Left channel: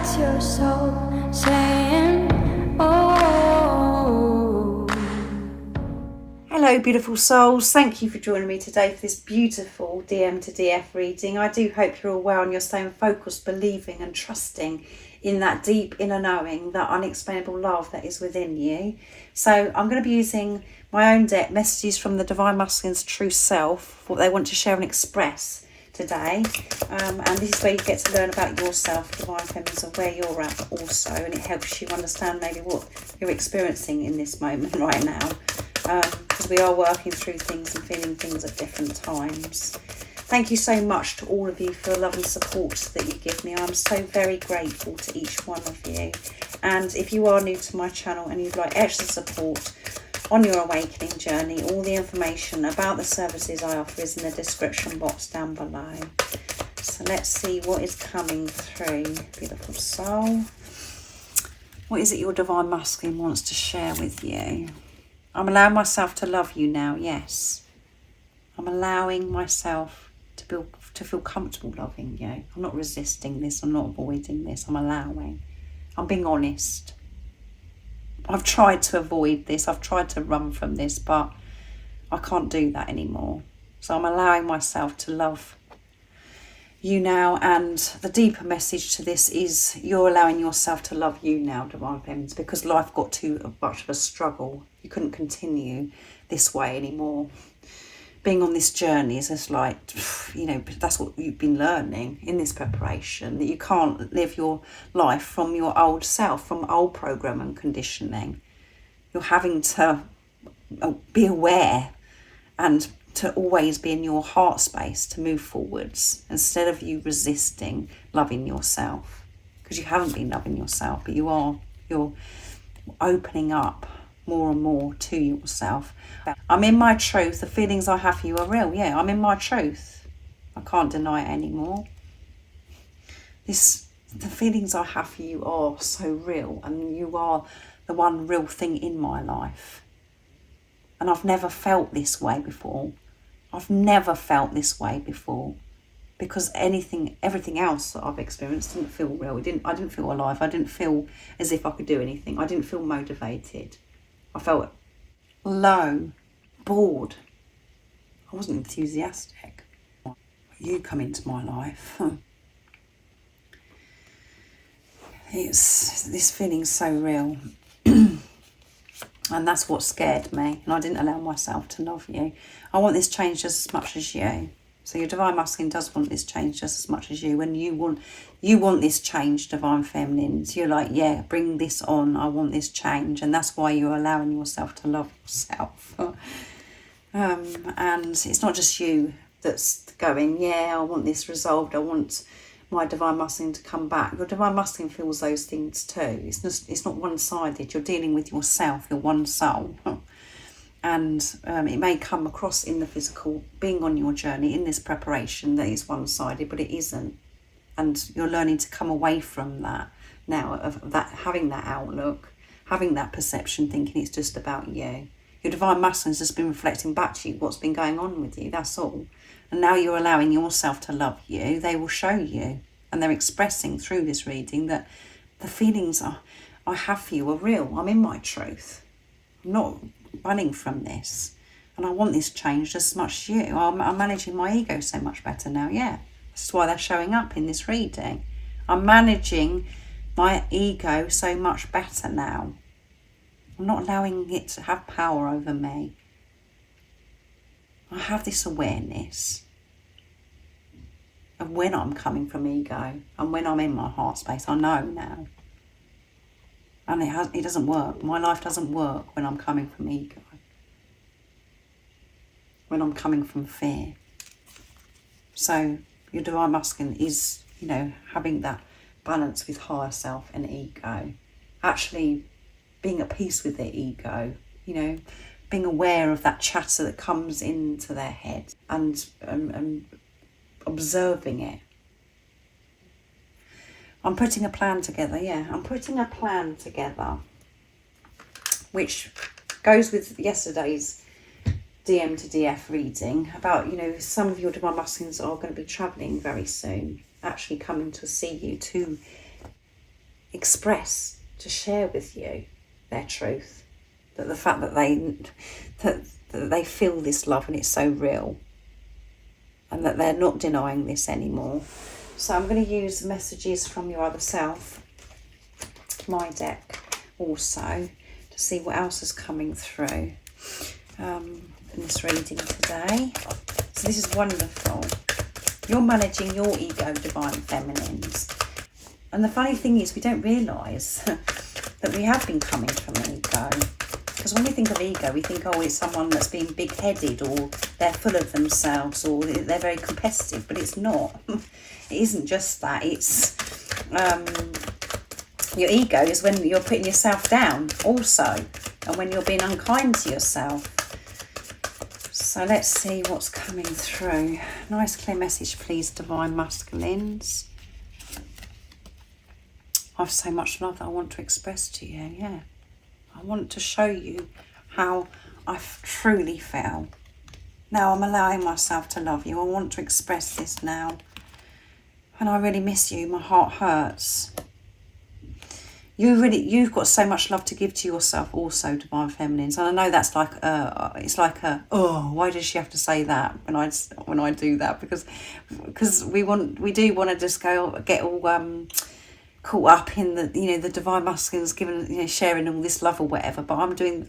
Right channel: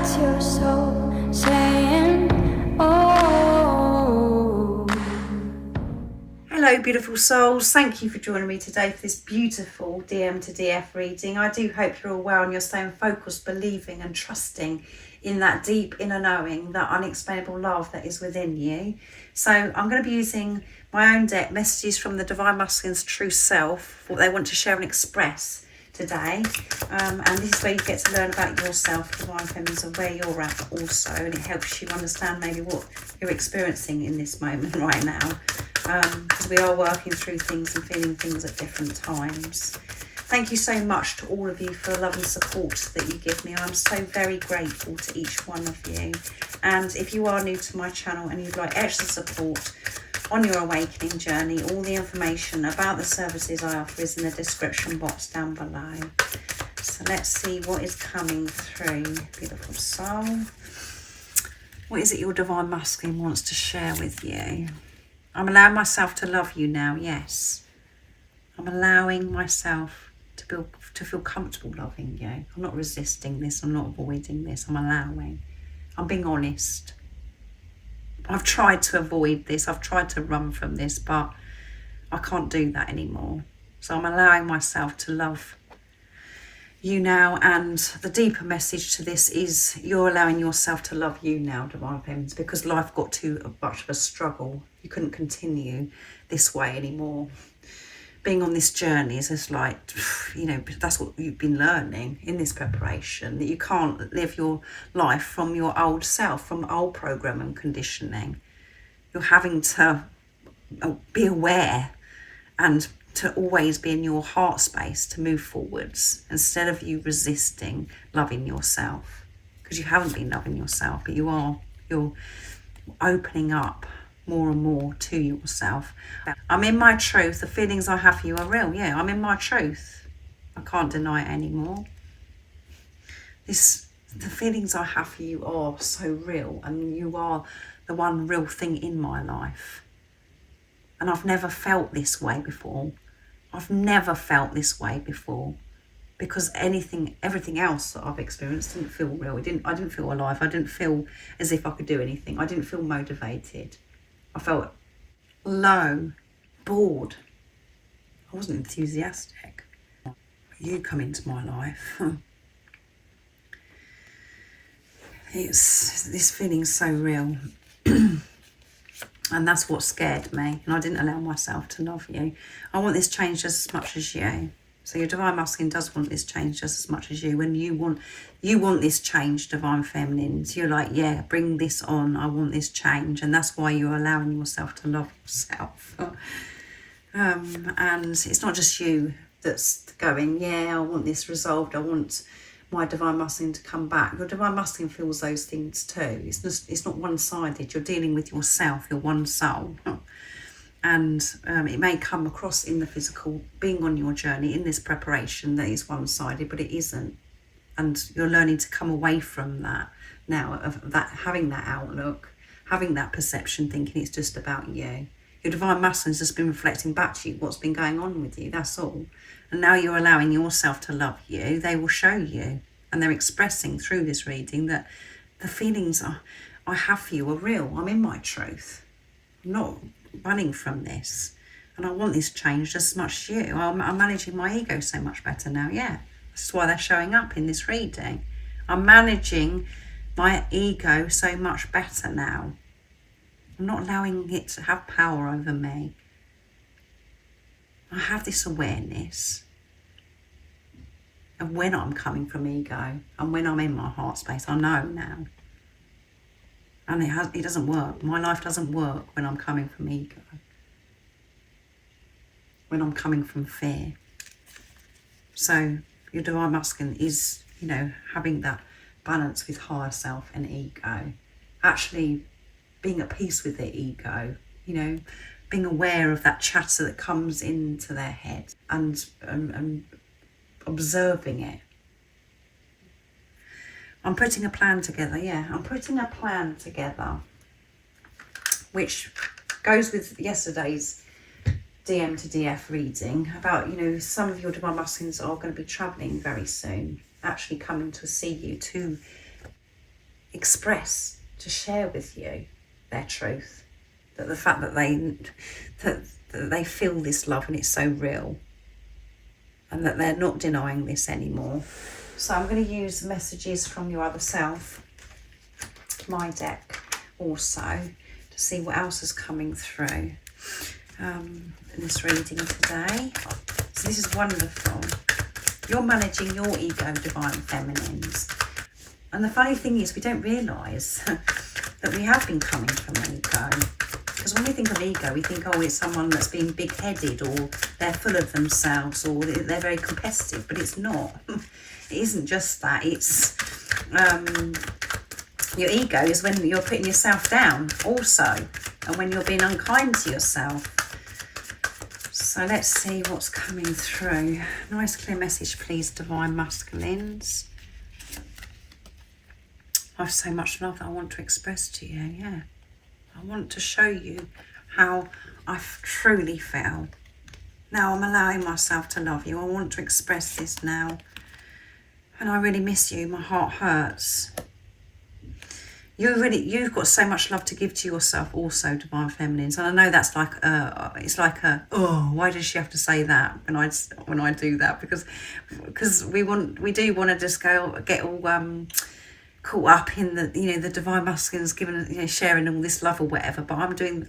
That's your soul saying, oh. Hello beautiful souls, thank you for joining me today for this beautiful DM to DF reading. I do hope you're all well and you're staying focused, believing and trusting in that deep inner knowing, that unexplainable love that is within you. So I'm going to be using my own deck, messages from the Divine Masculine's true self, what they want to share and express today, and this is where you get to learn about yourself, Divine Feminines, and where you're at also, and it helps you understand maybe what you're experiencing in this moment right now, because we are working through things and feeling things at different times. Thank you so much to all of you for the love and support that you give me. I'm so very grateful to each one of you, and if you are new to my channel and you'd like extra support on your awakening journey, all the information about the services I offer is in the description box down below. So let's see what is coming through, beautiful soul. What is it your Divine Masculine wants to share with you? I'm allowing myself to love you now, yes. I'm allowing myself to feel comfortable loving you. I'm not resisting this, I'm not avoiding this, I'm allowing. I'm being honest. I've tried to avoid this, I've tried to run from this, but I can't do that anymore. So I'm allowing myself to love you now, and the deeper message to this is you're allowing yourself to love you now, Divine Feminines, because life got too much of a struggle. You couldn't continue this way anymore. Being on this journey is just like, you know, that's what you've been learning in this preparation, that you can't live your life from your old self, from old program and conditioning. You're having to be aware and to always be in your heart space to move forwards, instead of you resisting loving yourself, because you haven't been loving yourself, but you're opening up more and more to yourself. I'm in my truth. The feelings I have for you are real. Yeah, I'm in my truth. I can't deny it anymore. The feelings I have for you are so real, and you are the one real thing in my life. And I've never felt this way before. I've never felt this way before, because everything else that I've experienced didn't feel real. I didn't feel alive. I didn't feel as if I could do anything. I didn't feel motivated. I felt low, bored. I wasn't enthusiastic. You come into my life. This feeling's so real. And that's what scared me. And I didn't allow myself to love you. I want this change just as much as you. So your Divine Masculine does want this change just as much as you. When you want this change, Divine Feminines, you're like, yeah, bring this on. I want this change. And that's why you're allowing yourself to love yourself. And it's not just you that's going, yeah, I want this resolved. I want my Divine Masculine to come back. Your Divine Masculine feels those things too. It's not one-sided. You're dealing with yourself, your one soul. And it may come across in the physical, being on your journey in this preparation, that is one-sided, but it isn't. And you're learning to come away from that now, of that, having that outlook, having that perception, thinking it's just about you. Your Divine Masculine's just been reflecting back to you what's been going on with you, that's all. And now you're allowing yourself to love you. They will show you, and they're expressing through this reading that the feelings I have for you are real. I'm in my truth. I'm not running from this, and I want this change just as much as you. I'm managing my ego so much better now. Yeah, that's why they're showing up in this reading. I'm managing my ego so much better now. I'm not allowing it to have power over me. I have this awareness of when I'm coming from ego and when I'm in my heart space. I know now. And it doesn't work. My life doesn't work when I'm coming from ego. When I'm coming from fear. So your Divine Masculine is, you know, having that balance with higher self and ego. Actually being at peace with their ego, you know, being aware of that chatter that comes into their head and observing it. I'm putting a plan together, yeah. I'm putting a plan together which goes with yesterday's DM to DF reading about, you know, some of your Divine Masculines are going to be travelling very soon, actually coming to see you to express, to share with you their truth. That the fact that they feel this love and it's so real, and that they're not denying this anymore. So I'm going to use the messages from your other self, my deck also, to see what else is coming through in this reading today. So this is wonderful. You're managing your ego, divine feminines. And the funny thing is, we don't realise that we have been coming from ego. Because when we think of ego, we think, oh, it's someone that's being big-headed, or they're full of themselves, or they're very competitive. But it's not. It isn't just that. It's your ego is when you're putting yourself down also, and when you're being unkind to yourself. So let's see what's coming through. Nice clear message, please, divine masculines. I have so much love that I want to express to you, yeah. I want to show you how I truly feel. Now I'm allowing myself to love you. I want to express this now. And I really miss you. My heart hurts. You've got so much love to give to yourself also, divine feminines. And I know that's like it's like oh, why does she have to say that when I do that? Because we do want to just get all caught up in the the divine masculines giving sharing all this love or whatever. But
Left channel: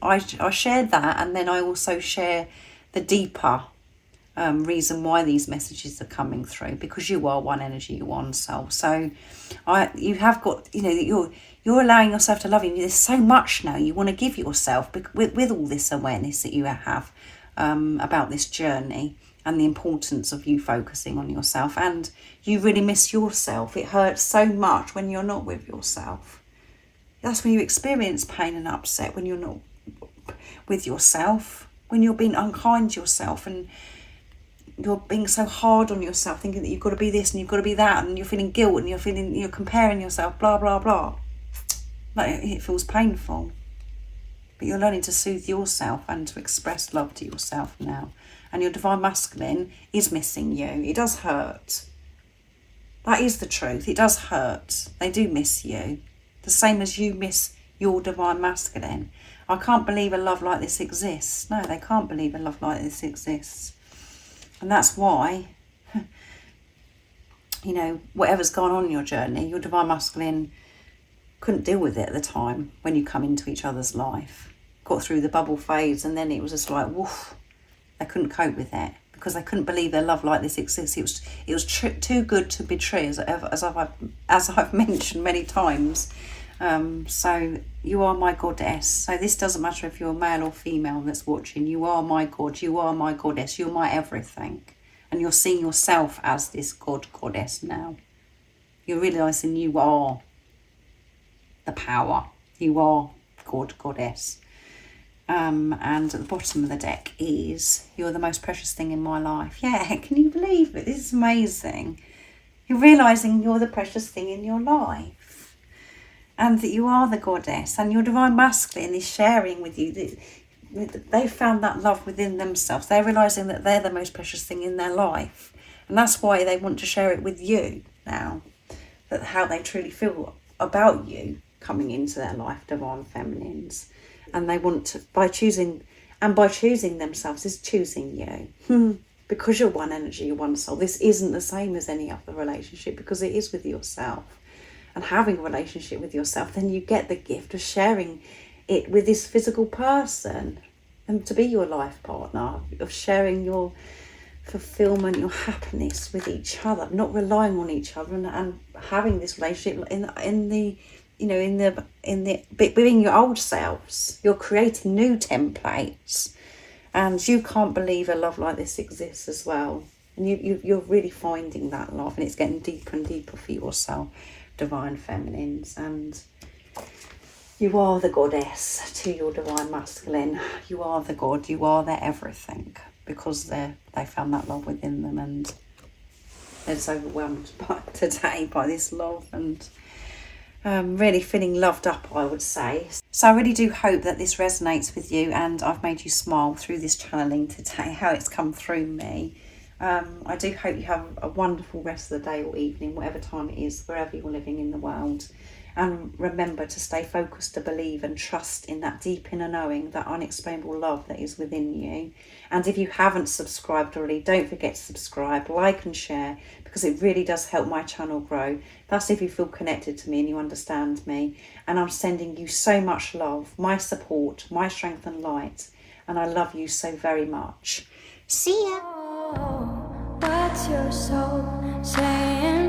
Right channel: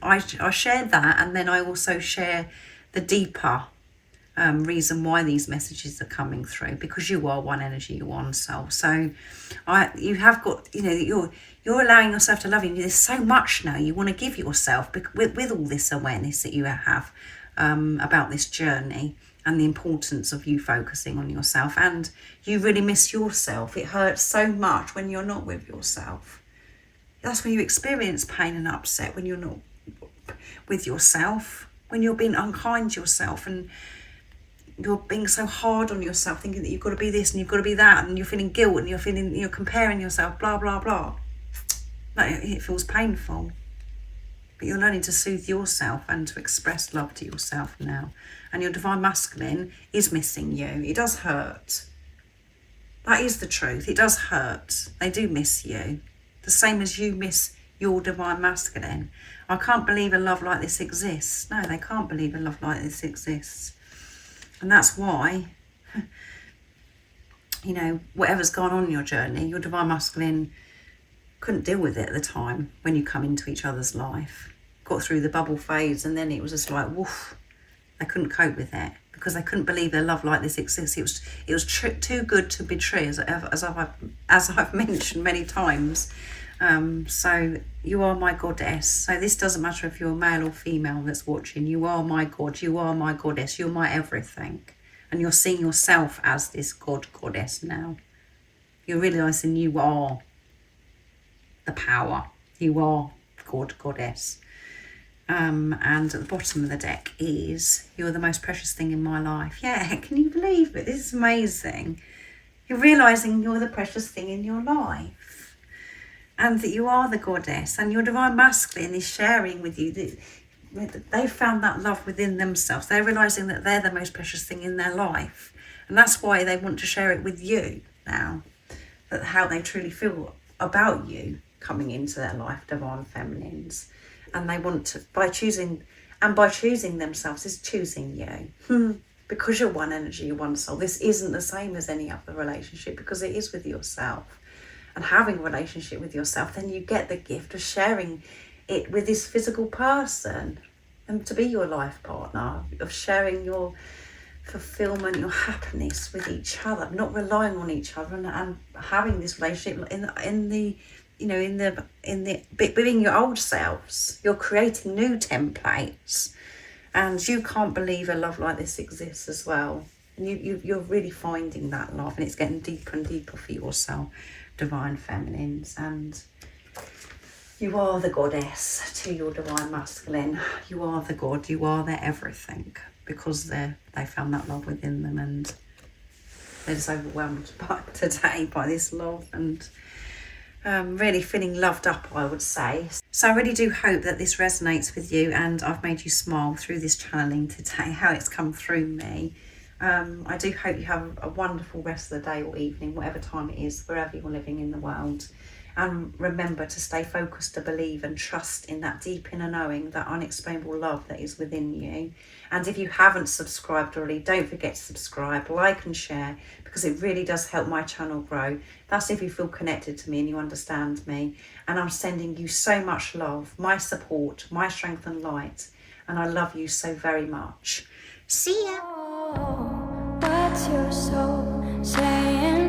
I share that, and then I also share the deeper reason why these messages are coming through, because you are one energy, you're one soul. So you have got you're allowing yourself to love you. There's so much now you want to give yourself with all this awareness that you have about this journey, and the importance of you focusing on yourself. And you really miss yourself. It hurts so much when you're not with yourself. That's when you experience pain and upset, when you're not with yourself, when you're being unkind to yourself, and you're being so hard on yourself, thinking that you've got to be this and you've got to be that, and you're feeling guilt, and you're comparing yourself, blah blah blah. It feels painful. But you're learning to soothe yourself and to express love to yourself now. And your divine masculine is missing you. It does hurt. That is the truth. It does hurt. They do miss you. The same as you miss your divine masculine. I can't believe a love like this exists. No, they can't believe a love like this exists. And that's why, whatever's gone on in your journey, your divine masculine couldn't deal with it at the time when you come into each other's life. Got through the bubble phase, and then it was just like, woof. They couldn't cope with it because they couldn't believe a love like this exists. It was too good to be true, as I've mentioned many times. So you are my goddess. So this doesn't matter if you're male or female that's watching. You are my god. You are my goddess. You're my everything. And you're seeing yourself as this goddess now. You're realising you are the power. You are goddess. And at the bottom of the deck is, you're the most precious thing in my life. Yeah, can you believe it? This is amazing. You're realising you're the precious thing in your life, and that you are the goddess, and your divine masculine is sharing with you. They've found that love within themselves. They're realising that they're the most precious thing in their life, and that's why they want to share it with you now, that how they truly feel about you coming into their life, divine feminines. And they want to, by choosing themselves is choosing you. Because you're one energy, you're one soul. This isn't the same as any other relationship, because it is with yourself. And having a relationship with yourself, then you get the gift of sharing it with this physical person, and to be your life partner, of sharing your fulfillment, your happiness with each other, not relying on each other, and having this relationship being your old selves. You're creating new templates, and you can't believe a love like this exists as well. And you're really finding that love, and it's getting deeper and deeper for yourself, divine feminines. And you are the goddess to your divine masculine. You are the god. You are their everything, because they found that love within them, and they're just overwhelmed today by this love, and really feeling loved up, I would say. So I really do hope that this resonates with you, and I've made you smile through this channeling today, how it's come through me. I do hope you have a wonderful rest of the day or evening, whatever time it is, wherever you're living in the world. And remember to stay focused, to believe and trust in that deep inner knowing, that unexplainable love that is within you. And if you haven't subscribed already, don't forget to subscribe, like and share, because it really does help my channel grow. That's if you feel connected to me and you understand me. And I'm sending you so much love, my support, my strength and light. And I love you so very much. See ya. What's your soul saying?